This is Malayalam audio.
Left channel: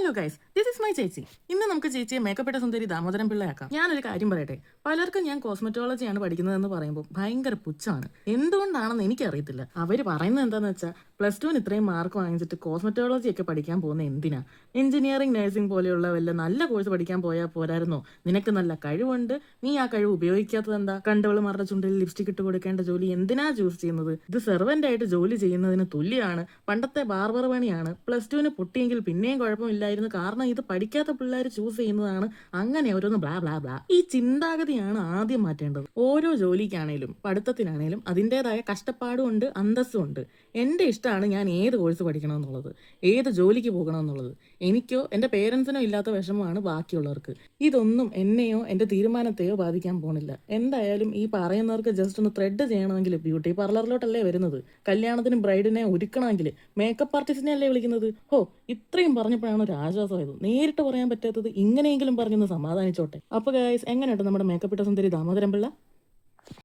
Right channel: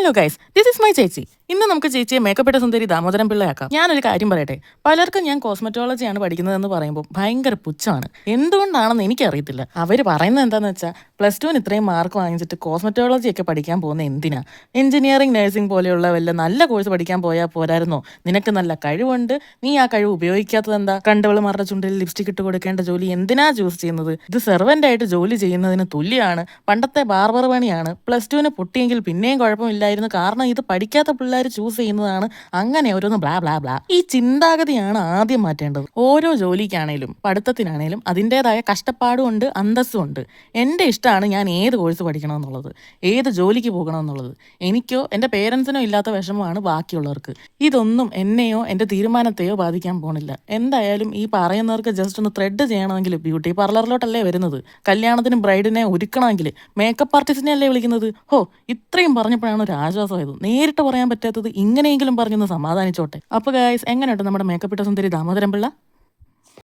Hello guys, this is my ചേച്ചി. ഇന്ന് നമുക്ക് ചേച്ചിയെ മേക്കപ്പെട്ട സുന്ദരി ദാമോദരൻ പിള്ളയാക്കാം. ഞാനൊരു കാര്യം പറയട്ടെ, പലർക്കും ഞാൻ കോസ്മെറ്റോളജിയാണ് പഠിക്കുന്നതെന്ന് പറയുമ്പോൾ ഭയങ്കര പുച്ഛമാണ്. എന്തുകൊണ്ടാണെന്ന് എനിക്കറിയത്തില്ല. അവർ പറയുന്നത് എന്താണെന്ന് വെച്ചാൽ +2 ഇത്രയും മാർക്ക് വാങ്ങിച്ചിട്ട് കോസ്മെറ്റോളജി ഒക്കെ പഠിക്കാൻ പോകുന്ന എന്തിനാ? എഞ്ചിനീയറിംഗ്, നഴ്സിംഗ് പോലെയുള്ള വല്ല നല്ല കോഴ്സ് പഠിക്കാൻ പോയാൽ പോരായിരുന്നോ? നിനക്ക് നല്ല കഴിവുണ്ട്, നീ ആ കഴിവ് ഉപയോഗിക്കാത്തത് എന്താ? കണ്ടവളുമാരുടെ ചുണ്ടിൽ ലിപ്സ്റ്റിക് ഇട്ട് കൊടുക്കേണ്ട ജോലി എന്തിനാ ചൂസ് ചെയ്യുന്നത്? ഇത് സെർവൻ്റ് ആയിട്ട് ജോലി ചെയ്യുന്നതിന് തുല്യമാണ്. പണ്ടത്തെ ബാർബർ പണിയാണ്. +2 പൊട്ടിയെങ്കിൽ പിന്നെയും കുഴപ്പമില്ലായിരുന്നു, കാരണം ഇത് പഠിക്കാത്ത പിള്ളേർ ചൂസ് ചെയ്യുന്നതാണ്. അങ്ങനെ ഓരോന്ന് ബ്ലാ ബ്ലാ ബ്ലാ. ഈ ചിന്താഗതിയാണ് ആദ്യം മാറ്റേണ്ടത്. ഓരോ ജോലിക്കാണേലും പഠിത്തത്തിനാണേലും അതിൻ്റെതായ കഷ്ടപ്പാടും ഉണ്ട്, അന്തസ്സും ഉണ്ട്. എൻ്റെ ഇഷ്ടമാണ് ഞാൻ ഏത് കോഴ്സ് പഠിക്കണമെന്നുള്ളത്, ഏത് ജോലിക്ക് പോകണമെന്നുള്ളത്. എനിക്കോ എൻ്റെ പേരൻസിനോ ഇല്ലാത്ത വിഷമമാണ് ബാക്കിയുള്ളവർക്ക്. ഇതൊന്നും എന്നെയോ എൻ്റെ തീരുമാനത്തെയോ ബാധിക്കാൻ പോണില്ല. എന്തായാലും ഈ പറയുന്നവർക്ക് ജസ്റ്റ് ഒന്ന് ത്രെഡ് ചെയ്യണമെങ്കിൽ ബ്യൂട്ടി പാർലറിലോട്ടല്ലേ വരുന്നത്. കല്യാണത്തിന് ബ്രൈഡിനെ ഒരുക്കണമെങ്കിൽ മേക്കപ്പ് ആർട്ടിസ്റ്റിനെ അല്ലേ വിളിക്കുന്നത്. ഇത്രയും പറഞ്ഞപ്പോഴാണ് ഒരു ആശ്വാസമായത്. നേരിട്ട് പറയാൻ പറ്റാത്തത് ഇങ്ങനെയെങ്കിലും പറഞ്ഞൊന്ന് സമാധാനിച്ചോട്ടെ. അപ്പോൾ ഗായ്സ്, എങ്ങനെയുണ്ട് നമ്മുടെ മേക്കപ്പ് ഇട്ട സുന്ദരി ദാമോദരൻ പിള്ള?